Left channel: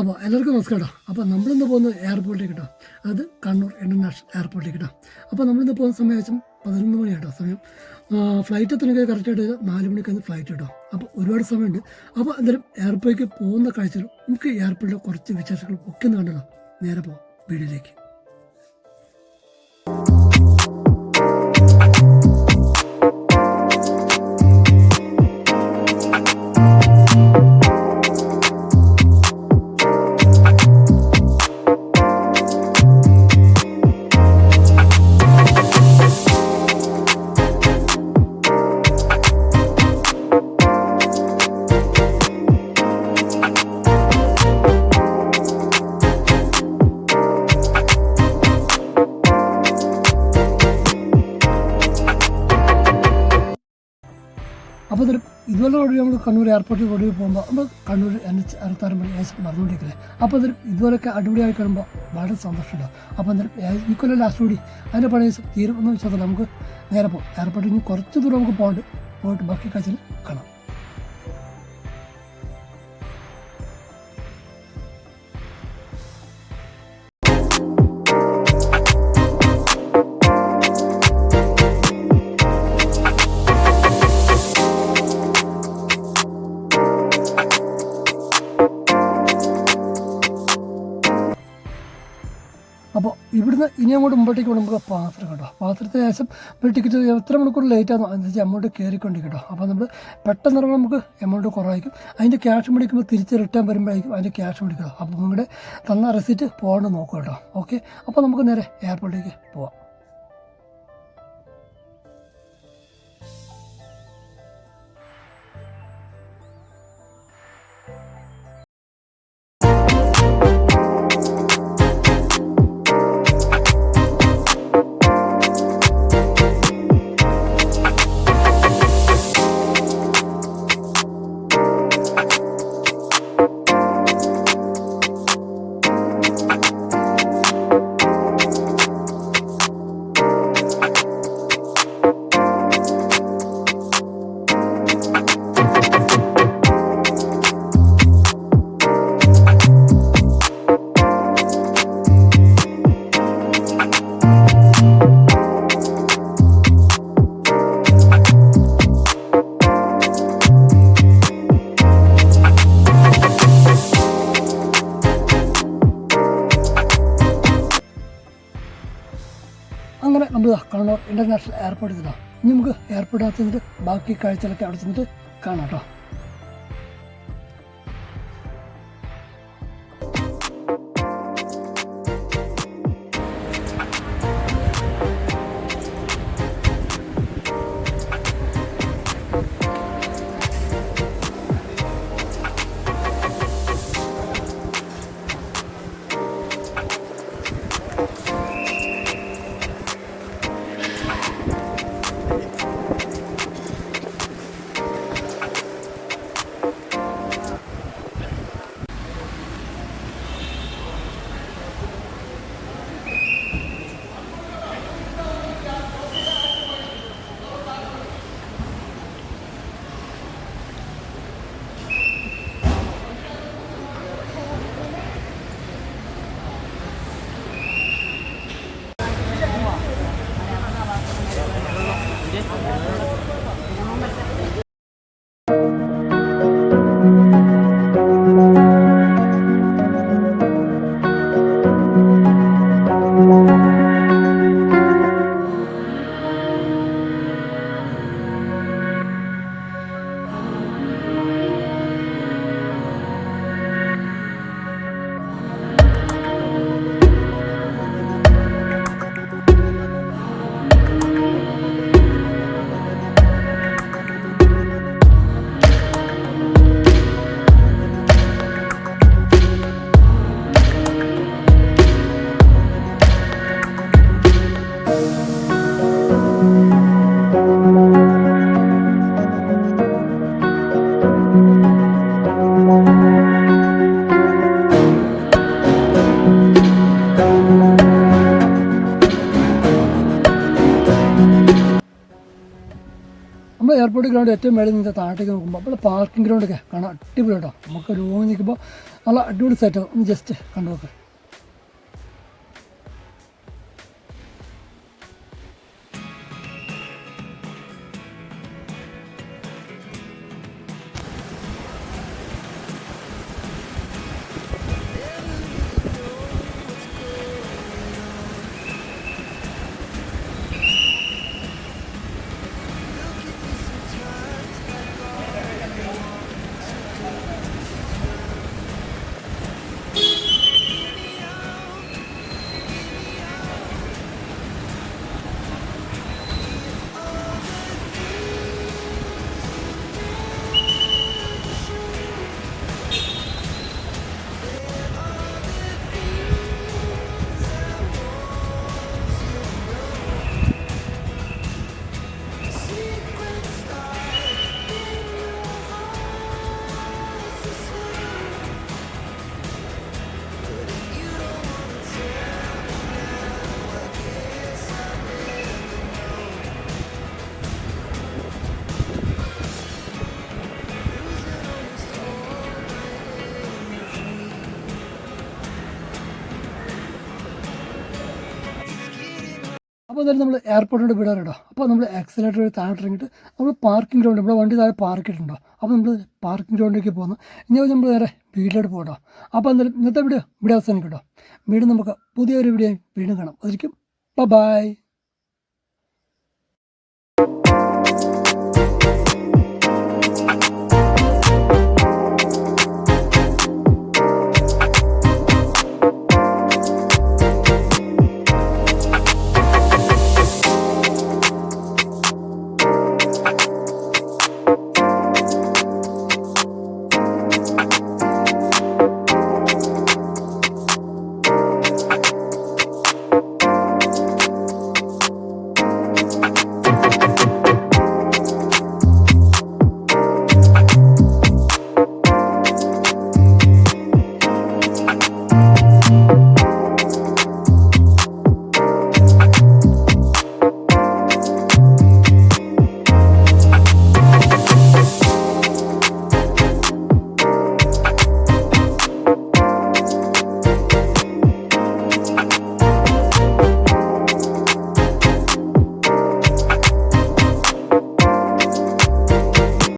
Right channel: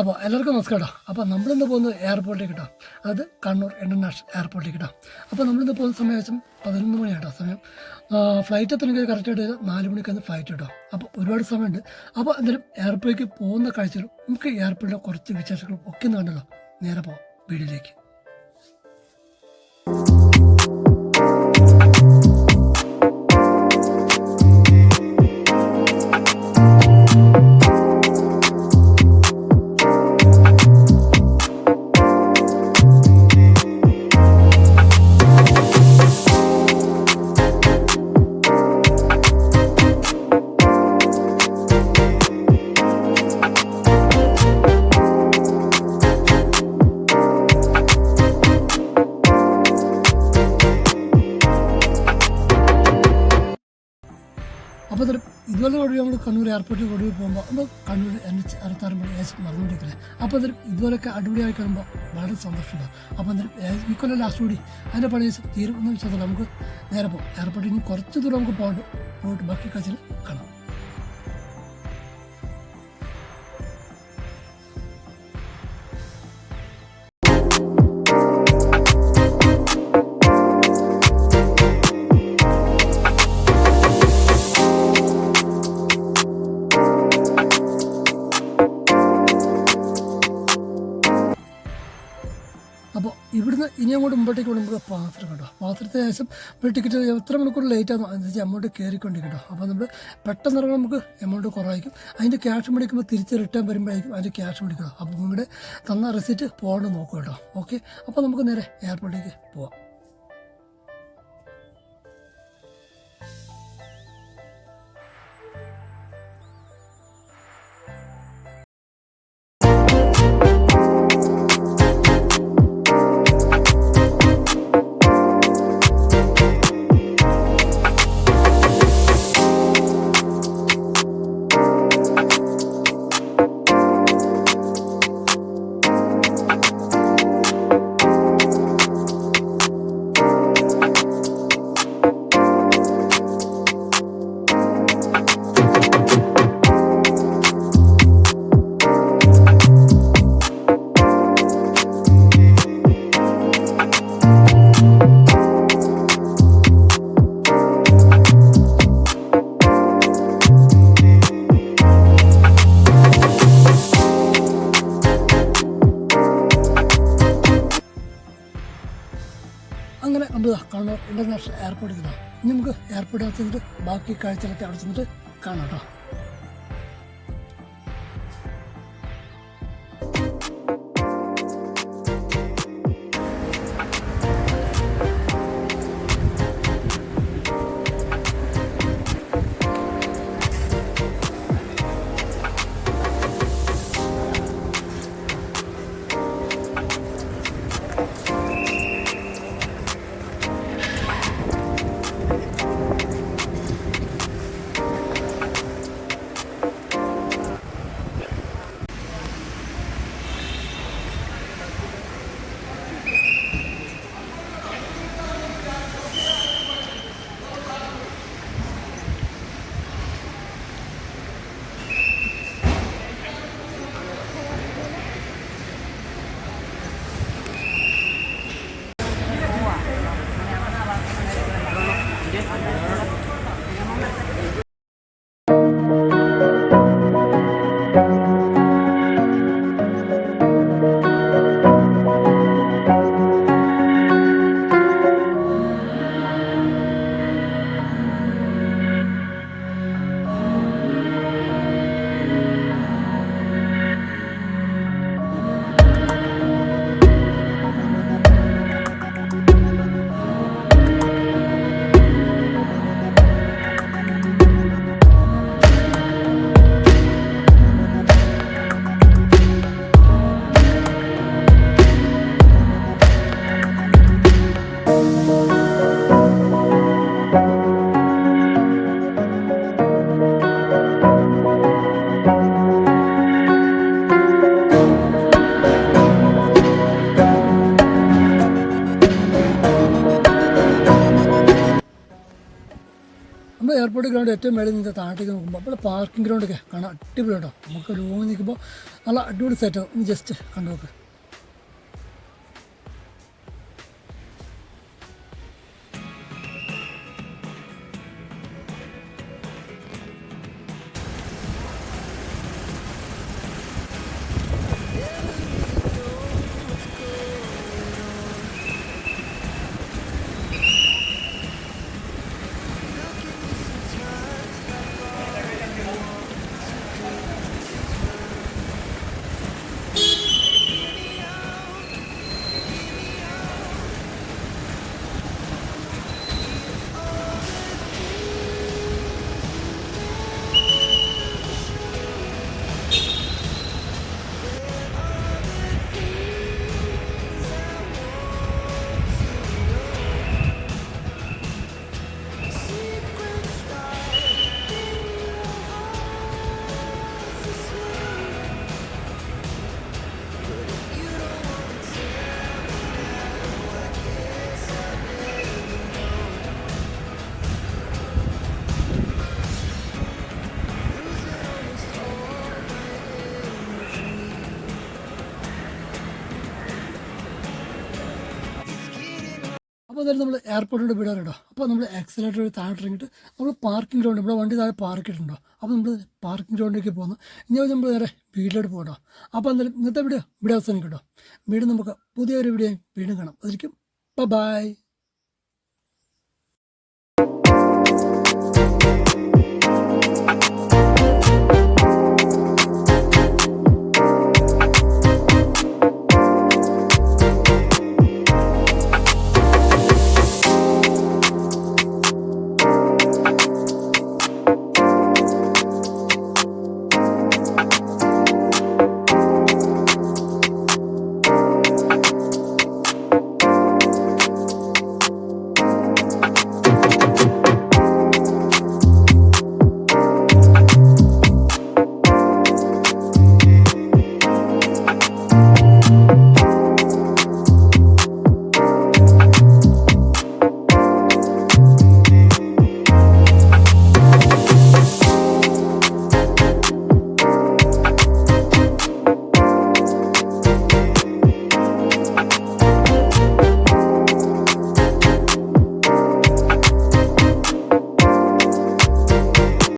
അപ്പോൾ എല്ലാവർക്കും നമസ്കാരം. അപ്പോൾ നമ്മളിന്ന് പോകുന്നത് എയർപോർട്ടിലേക്ക് കേട്ടോ, അത് കണ്ണൂർ ഇൻ്റർനാഷണൽ എയർപോർട്ടിലേക്ക് കേട്ടോ. അപ്പോൾ നമ്മളിന്ന് പോകുന്ന സമയം ഏകദേശം 11 മണിയാട്ടോ സമയം. ഫ്ലൈറ്റ് എത്തണമെങ്കിൽ കറക്റ്റായിട്ട് 4 മണിക്കാണ് ഫ്ലൈറ്റ് കേട്ടോ. അപ്പോൾ ഒരുപാട് സമയമുണ്ട്. അപ്പോൾ എന്തായാലും എയർപോർട്ടിലേക്ക് പോകുന്ന കാഴ്ചകളും നമുക്ക് എയർപോർട്ടിലെ കുറച്ച് വിശേഷങ്ങളും ഒക്കെ ഒന്ന് കണ്ടല്ലോ. നേരെ പോകാം വീഡിയോയിലേക്ക്. അപ്പോൾ ഇതുപോലെ ഓടി നമ്മൾ കണ്ണൂർ എയർപോർട്ടിൽ ഓടി പോകുമ്പോൾ നമ്മൾ കണ്ണൂർ NH-66 മണി നടന്നുകൊണ്ടിരിക്കില്ലേ. അപ്പോൾ ഇതുപോലെയൊക്കെ അടിപൊളിയായി കാണുമ്പോൾ വളരെ സന്തോഷമുണ്ടാകും. അപ്പോൾ ഈ കൊല്ലം ലാസ്റ്റ് കൂടി അതിൻ്റെ പണി തീരും എന്ന് വെച്ചാൽ നമുക്ക് നേരെ പോകും. എയർപോർട്ടിൽ ഇനി കുറച്ച് ദൂരം നമുക്ക് പോയിട്ട് ബാക്കി കാഴ്ചയിൽ കാണാം. അപ്പോൾ ഇവിടുന്ന് ഇനി അങ്ങോട്ട് മുമ്പോട്ടേക്ക് നമുക്ക് പാത്രം കേട്ടോ. പാത്രത്തിന് ശേഷം ഒരു ടിക്കറ്റ് എത്ര മണിക്കൂർ ലേറ്റ് ആകുന്നു അനുസരിച്ച് എമൗണ്ട് കയറിക്കൊണ്ടിരിക്കും കേട്ടോ. അപ്പോൾ നമ്മൾ പെട്ടെന്ന് ഇറങ്ങുമ്പോൾ നമുക്ക് എമൗണ്ട് കുറവായിരിക്കും. അതിൻ്റെ ക്യാഷ് മേടിക്കുമ്പോൾ തിരിച്ച് റിട്ടേൺ വരുമ്പോഴായിരിക്കും അതിൻ്റെ ക്യാഷ് മേടിക്കുക. അപ്പോൾ നിങ്ങളുടെ തന്ന റെസിറ്റ് പോകേണ്ട നോക്കുക കേട്ടോ. ഓക്കെ, അപ്പോൾ നമുക്ക് നേരെ എയർപോർട്ടിലേക്ക് പോവാം. അങ്ങനെ നമ്മൾ കണ്ണൂർ ഇൻ്റർനാഷണൽ എയർപോർട്ടിൽ നിന്നാണ്. ഇനി നമുക്ക് എയർപോർട്ടിനകത്ത് നിന്നിട്ട് ബാക്കി കാഴ്ചകളൊക്കെ അവിടെ ചെന്നിട്ട് കാണാം കേട്ടോ. എയർപോർട്ട് ഗ്രൗണ്ട് ഏറ്റവും മേളിൽ നിന്ന് താഴത്തേക്ക് നോക്കുമ്പോൾ അപ്പോൾ പാർക്കിംഗ് ഗ്രൗണ്ടൊക്കെ കാണാൻ അടിപൊളി കേട്ടോ. നമുക്ക് റൂമിൽ നിൽക്കുമ്പോൾ നല്ല അടിപൊളി സെറ്റാവും. ഒന്ന് ജസ്റ്റ് കണ്ടു നോക്ക്. അപ്പോൾ എന്തായാലും നമ്മൾ എയർപോർട്ടിലോട്ട് വിടാറുണ്ടോ. അപ്പോൾ നമ്മൾ ആക്സിലേറ്റർ വഴി താഴോട്ട് ഇറങ്ങിയിട്ട് നമ്മൾ പാർക്കിംഗ് ഗ്രൗണ്ട്, നമ്മുടെ വണ്ടി താഴെ പാർക്ക് ചെയ്തിട്ടുണ്ടോ. അപ്പോൾ നമ്മൾ പാർക്കിംഗ് ഗ്രൗണ്ടിലേക്ക് പോകുന്നു. ഇനി നമ്മൾ നേരെ വീട്ടിലോട്ട് പോകട്ടോ. അപ്പോൾ എന്തായാലും ഇന്നത്തെ വീഡിയോ ഇവിടെ അവസാനിക്കട്ടോ. വീണ്ടും നമുക്ക് പുതിയൊരു വീഡിയോ വീണ്ടും കാണാം. അതായിരിക്കും ബൈ.